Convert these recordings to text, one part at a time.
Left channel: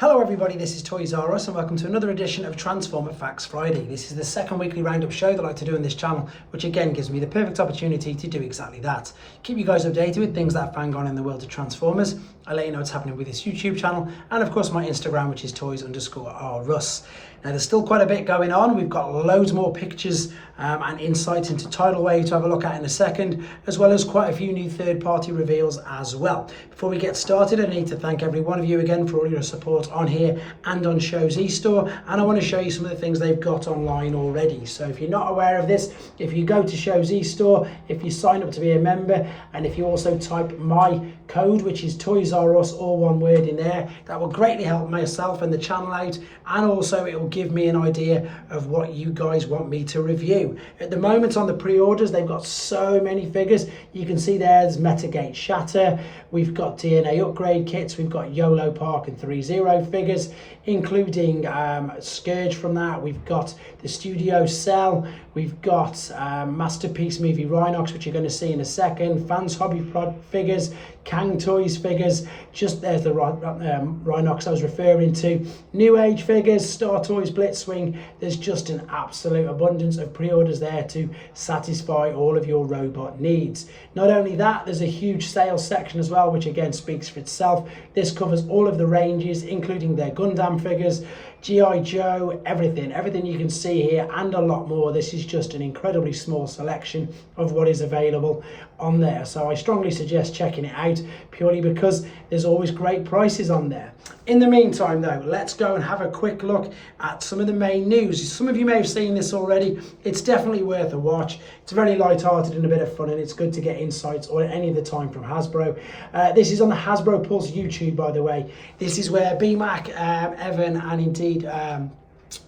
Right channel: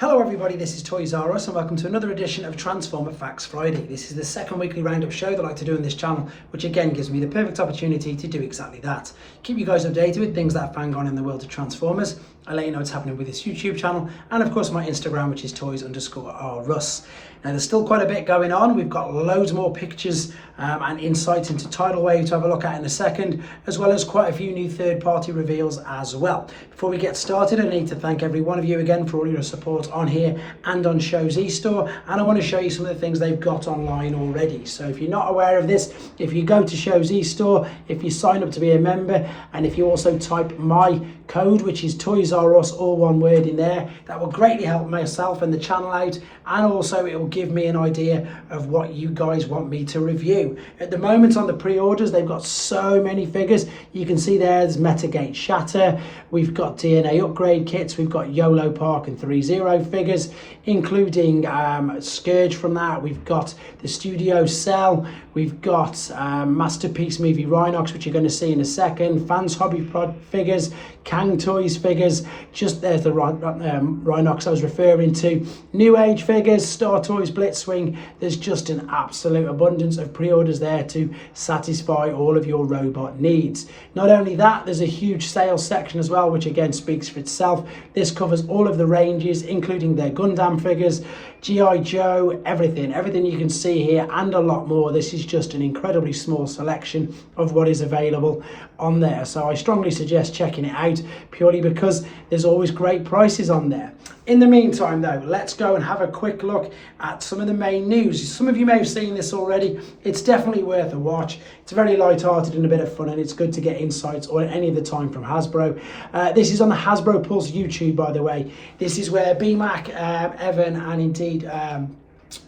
Hello everybody, this is Toys R Us and welcome to another edition of Transformer Facts Friday. This is the second weekly roundup show that I like to do on this channel, which again gives me the perfect opportunity to do exactly that. Keep you guys updated with things that are bang on in the world of Transformers. I let you know what's happening with this YouTube channel and of course my Instagram, which is toys_rus. Now there's still quite a bit going on. We've got loads more pictures and insights into Tidal Wave to have a look at in a second, as well as quite a few new third-party reveals as well. Before we get started, I need to thank every one of you again for all your support on here and on Show's eStore, and I want to show you some of the things they've got online already. So if you're not aware of this, if you go to Show's eStore, if you sign up to be a member, and if you also type my code, which is Toys R Us, all one word in there, that will greatly help myself and the channel out, and also it will give me an idea of what you guys want me to review. At the moment on the pre-orders, they've got so many figures. You can see there's Metagate Shatter, we've got DNA upgrade kits, we've got YOLO Park and 3-0 figures, including Scourge from that, we've got the Studio Cell, we've got Masterpiece Movie Rhinox, which you're going to see in a second, Fans Hobby Pod figures, Cang Toys figures, just there's the Rhinox I was referring to, Newage figures, Star Toys Blitzwing. There's just an absolute abundance of pre-orders there to satisfy all of your robot needs. Not only that, there's a huge sales section as well, which again speaks for itself. This covers all of the ranges, including their Gundam figures, G.I. Joe, everything you can see here and a lot more. This is just an incredibly small selection of what is available on there. So I strongly suggest checking it out purely because there's always great prices on there. In the meantime though, let's go and have a quick look at some of the main news. Some of you may have seen this already. It's definitely worth a watch. It's very light-hearted and a bit of fun, and it's good to get insights or any of the time from Hasbro. This is on the Hasbro Pulse YouTube, by the way. This is where BMAC, Evan and indeed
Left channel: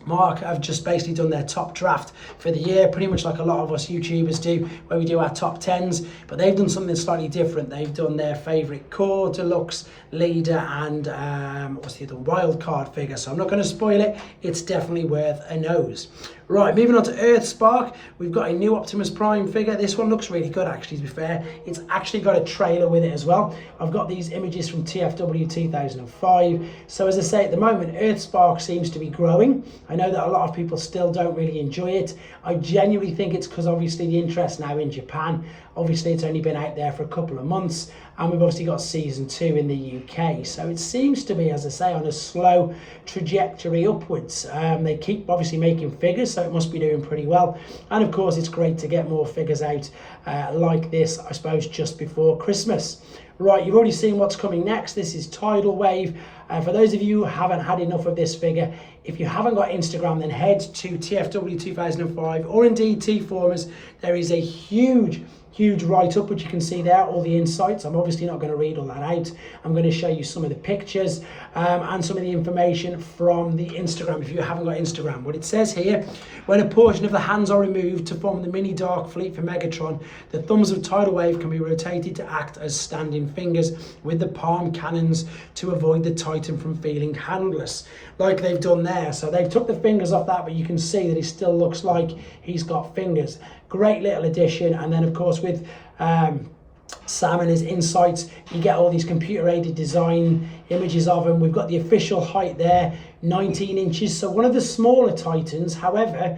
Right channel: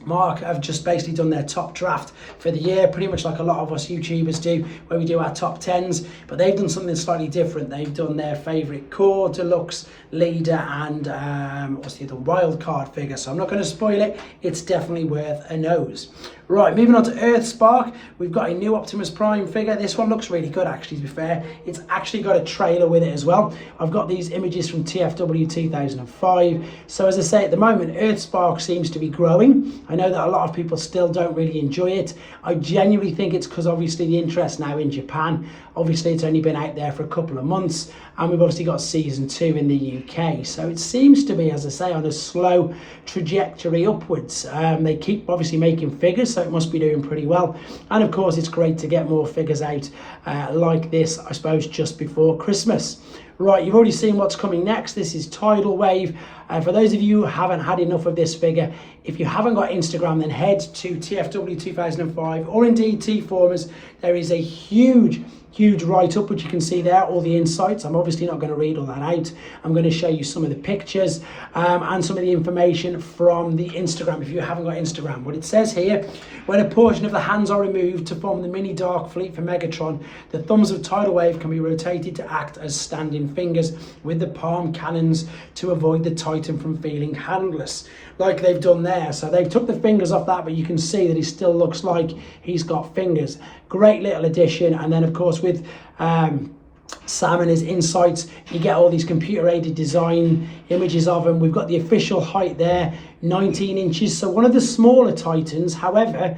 Mark have just basically done their top draft for the year, pretty much like a lot of us YouTubers do, where we do our top 10s, but they've done something slightly different. They've done their favourite core, deluxe, leader and what's the other, wild card figure. So I'm not going to spoil it. It's definitely worth a nose. Right, moving on to Earthspark, we've got a new Optimus Prime figure. This one looks really good, actually, to be fair. It's actually got a trailer with it as well. I've got these images from TFW 2005. So as I say, at the moment, Earthspark seems to be growing. I know that a lot of people still don't really enjoy it. I genuinely think it's because obviously the interest now in Japan. Obviously, it's only been out there for a couple of months, and we've obviously got season 2 in the UK. So it seems to be, as I say, on a slow trajectory upwards. They keep obviously making figures, so it must be doing pretty well. And of course, it's great to get more figures out like this, I suppose, just before Christmas. Right, you've already seen what's coming next. This is Tidal Wave. For those of you who haven't had enough of this figure, if you haven't got Instagram, then head to TFW 2005 or indeed T-Formers. There is a huge write-up, which you can see there, all the insights. I'm obviously not going to read all that out. I'm going to show you some of the pictures and some of the information from the Instagram if you haven't got Instagram. What it says here, when a portion of the hands are removed to form the mini Dark Fleet for Megatron, the thumbs of Tidal Wave can be rotated to act as standing fingers with the palm cannons to avoid the Titan from feeling handless, like they've done there. So they've took the fingers off that, but you can see that he still looks like he's got fingers. Great little addition. And then of course with Sam and his insights, you get all these computer-aided design images of him. We've got the official height there, 19 inches, so one of the smaller Titans. However,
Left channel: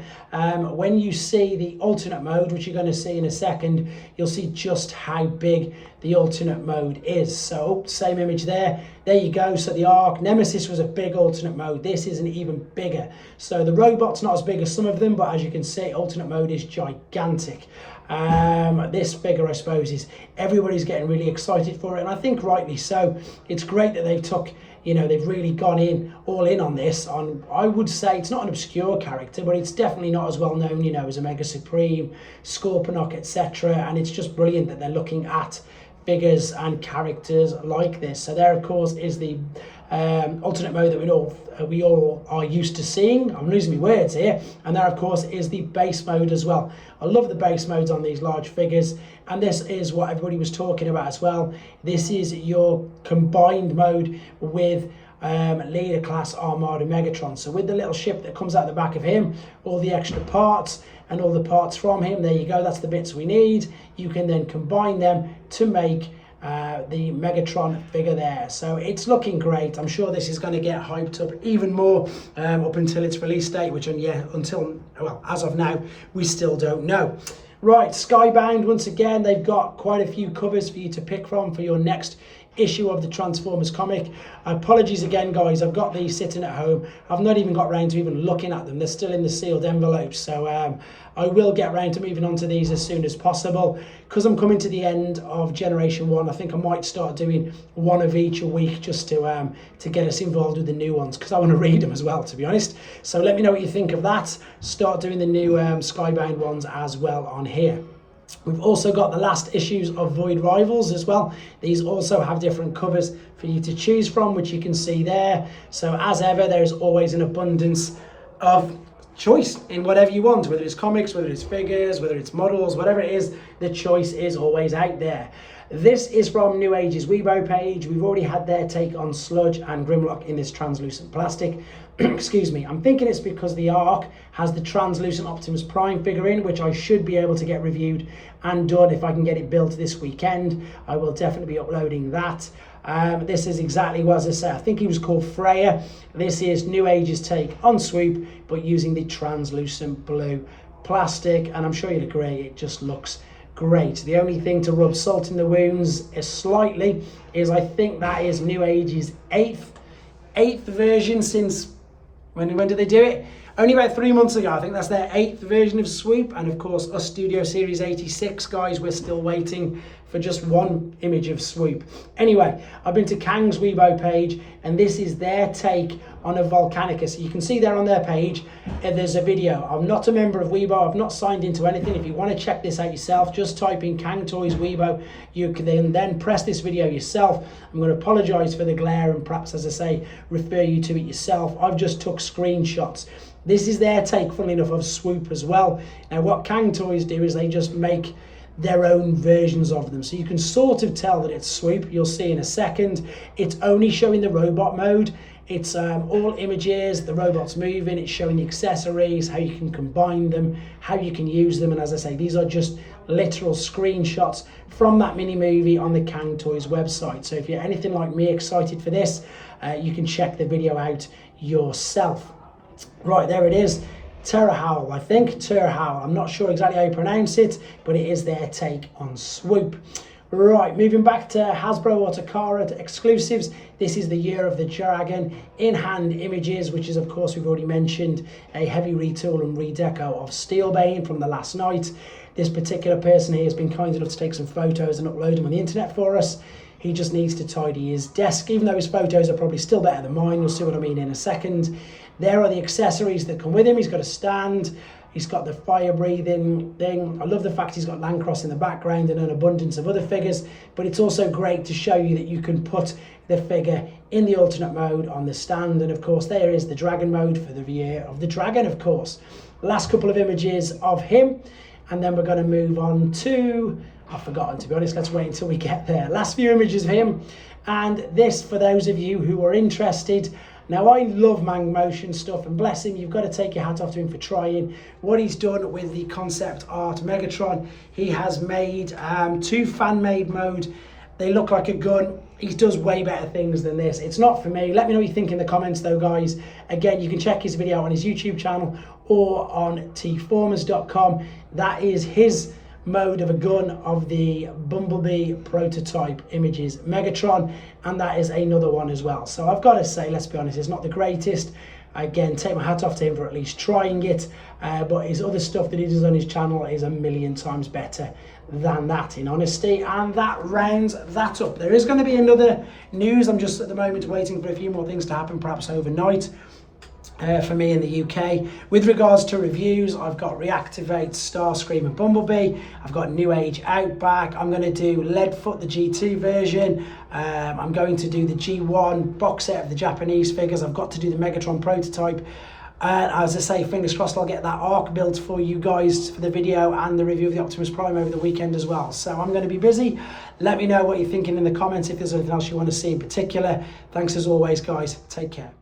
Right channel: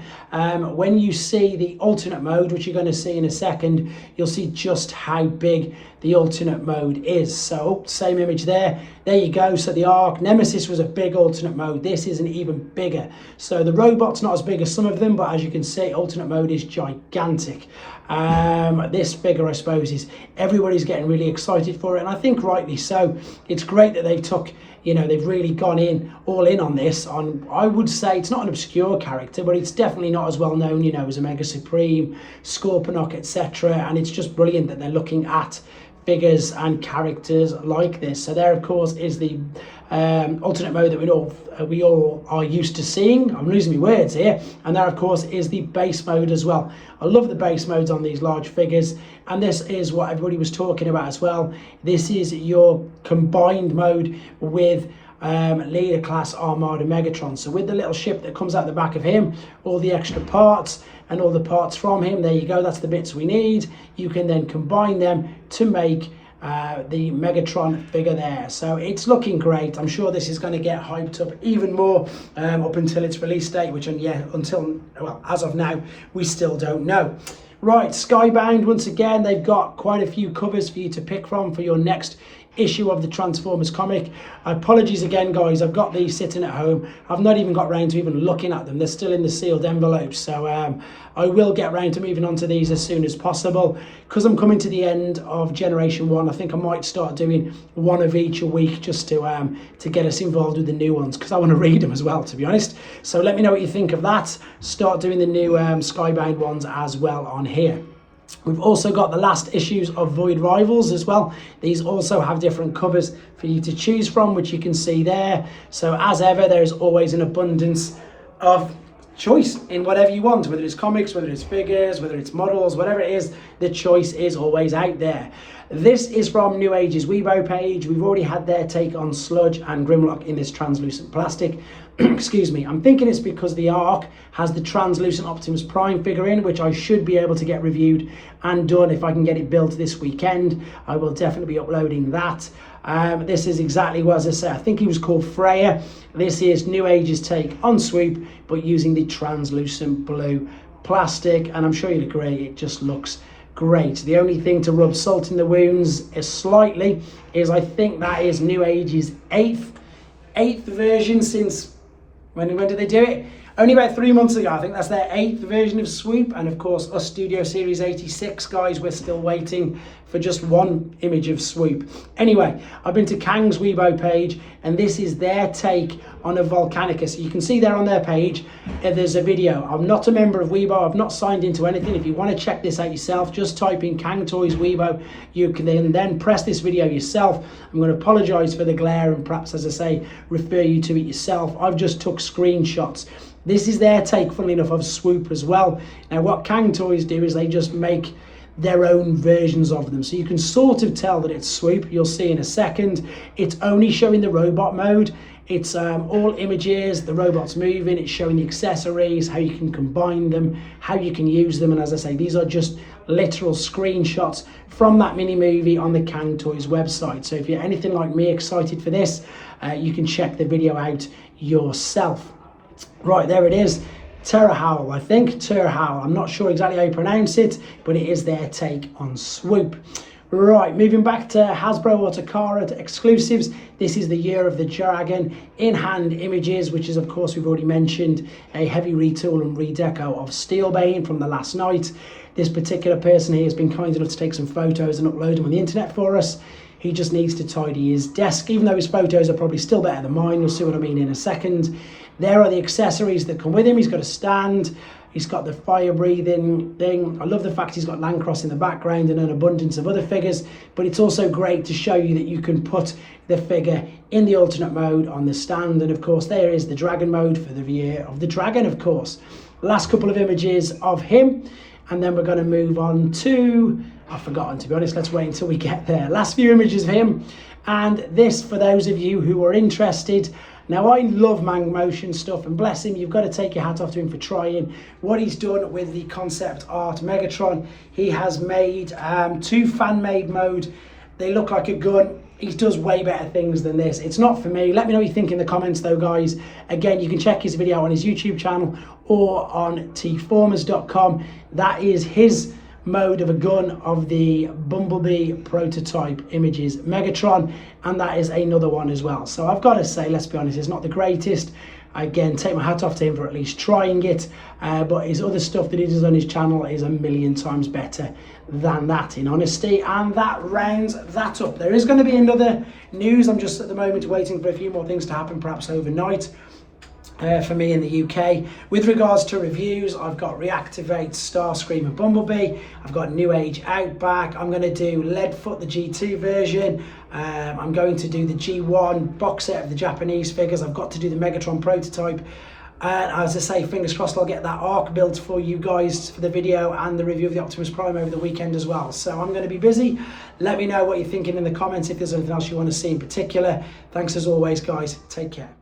when you see the alternate mode, which you're going to see in a second, you'll see just how big the alternate mode is. So same image there you go. So the Arc Nemesis was a big alternate mode. This is an even bigger. So the robot's not as big as some of them, but as you can see, alternate mode is gigantic. This figure, I suppose, is everybody's getting really excited for it, and I think rightly so. It's great that they've took, you know, they've really gone all in on this. I would say it's not an obscure character, but it's definitely not as well known, you know, as Omega Supreme, Scorponok, etc. And it's just brilliant that they're looking at figures and characters like this. So there, of course, is the alternate mode that we all are used to seeing. I'm losing my words here. And there, of course, is the base mode as well. I love the base modes on these large figures, and this is what everybody was talking about as well. This is your combined mode with Leader Class Armada Megatron. So with the little ship that comes out the back of him, all the extra parts and all the parts from him, there you go, that's the bits we need. You can then combine them to make the Megatron figure there. So it's looking great. I'm sure this is going to get hyped up even more up until its release date, which as of now, we still don't know. Right, Skybound, once again, they've got quite a few covers for you to pick from for your next issue of the Transformers comic. Apologies again, guys, I've got these sitting at home. I've not even got round to even looking at them. They're still in the sealed envelopes, so I will get round to moving on to these as soon as possible. Because I'm coming to the end of Generation 1, I think I might start doing one of each a week just to get us involved with the new ones, because I want to read them as well, to be honest. So let me know what you think of that. Start doing the new Skybound ones as well on here. We've also got the last issues of Void Rivals as well. These also have different covers for you to choose from, which you can see there. So as ever, there's always an abundance of choice in whatever you want, whether it's comics, whether it's figures, whether it's models, whatever it is, the choice is always out there. This is from Newage's Weibo page. We've already had their take on Sludge and Grimlock in this translucent plastic. Excuse me, I'm thinking it's because the Ark has the translucent Optimus Prime figure in, which I should be able to get reviewed and done if I can get it built this weekend. I will definitely be uploading that. This is exactly what, as I say, I think he was called Freya. This is Newage's take on Swoop, but using the translucent blue plastic, and I'm sure you'd agree, it just looks great. The only thing to rub salt in the wounds is slightly is I think that is Newage's eighth version since, when did they do it? Only about 3 months ago. I think that's their 8th version of Swoop. And of course, us Studio Series 86 guys, we're still waiting for just one image of Swoop. Anyway, I've been to Cang's Weibo page, and this is their take on a Volcanicus. You can see there on their page, there's a video. I'm not a member of Weibo. I've not signed into anything. If you want to check this out yourself, just type in Cang Toys Weibo. You can then press this video yourself. I'm going to apologise for the glare and perhaps, as I say, refer you to it yourself. I've just took screenshots. This is their take, funnily enough, of Swoop as well. Now, what Cang Toys do is they just make their own versions of them. So you can sort of tell that it's Swoop. You'll see in a second. It's only showing the robot mode. It's all images, the robot's moving, it's showing the accessories, how you can combine them, how you can use them. And as I say, these are just literal screenshots from that mini movie on the Cang Toys website. So if you're anything like me excited for this, you can check the video out yourself. Right, there it is. Terra Howl, I think. Terra Howl. I'm not sure exactly how you pronounce it, but it is their take on Swoop. Right, moving back to Hasbro or Takara exclusives. This is the Year of the Dragon in-hand images, which is, of course, we've already mentioned, a heavy retool and redeco of Steelbane from the last night. This particular person here has been kind enough to take some photos and upload them on the internet for us. He just needs to tidy his desk, even though his photos are probably still better than mine. You'll see what I mean in a second. There are the accessories that come with him. He's got a stand. He's got the fire-breathing thing. I love the fact he's got Landcross in the background and an abundance of other figures, but it's also great to show you that you can put the figure in the alternate mode on the stand. And of course, there is the dragon mode for the Year of the Dragon, of course. Last couple of images of him, and then we're going to move on to, I've forgotten, to be honest. Let's wait until we get there. Last few images of him, and this, for those of you who are interested. Now, I love Mang Motion stuff, and bless him, you've got to take your hat off to him for trying what he's done with the concept art Megatron. He has made 2 fan-made mode. They look like a gun. He does way better things than this. It's not for me. Let me know what you think in the comments though, guys. Again, you can check his video on his YouTube channel or on tformers.com. That is his mode of a gun of the Bumblebee prototype images Megatron, and that is another one as well. So I've got to say, let's be honest, it's not the greatest. Again, take my hat off to him for at least trying it, but his other stuff that he does on his channel is a million times better than that, in honesty. And that rounds that up. There is going to be another news. I'm just at the moment waiting for a few more things to happen, perhaps overnight. For me in the UK. With regards to reviews, I've got Reactivate, Starscream and Bumblebee. I've got Newage Outback. I'm going to do Leadfoot, the G2 version. I'm going to do the G1 box set of the Japanese figures. I've got to do the Megatron prototype. And as I say, fingers crossed I'll get that Ark built for you guys for the video and the review of the Optimus Prime over the weekend as well. So I'm going to be busy. Let me know what you're thinking in the comments if there's anything else you want to see in particular. Thanks as always, guys. Take care.